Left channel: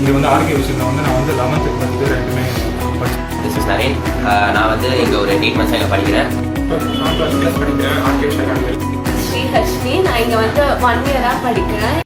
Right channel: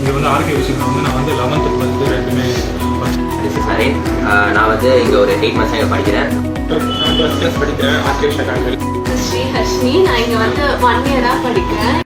இங்கே வந்து ஆர்கே விஷயம் வந்து நான் வந்து 11th 12th ரெண்டுமே சரி. நான் வந்து இங்கே ஒரு 8 மாதம் படிக்கிறேன். நான் 12th படிக்கிறேன். ஸ்ரீ ஹர்ஷினி. நான் இங்கே வந்து 1 இயராக படிக்கிறேன்.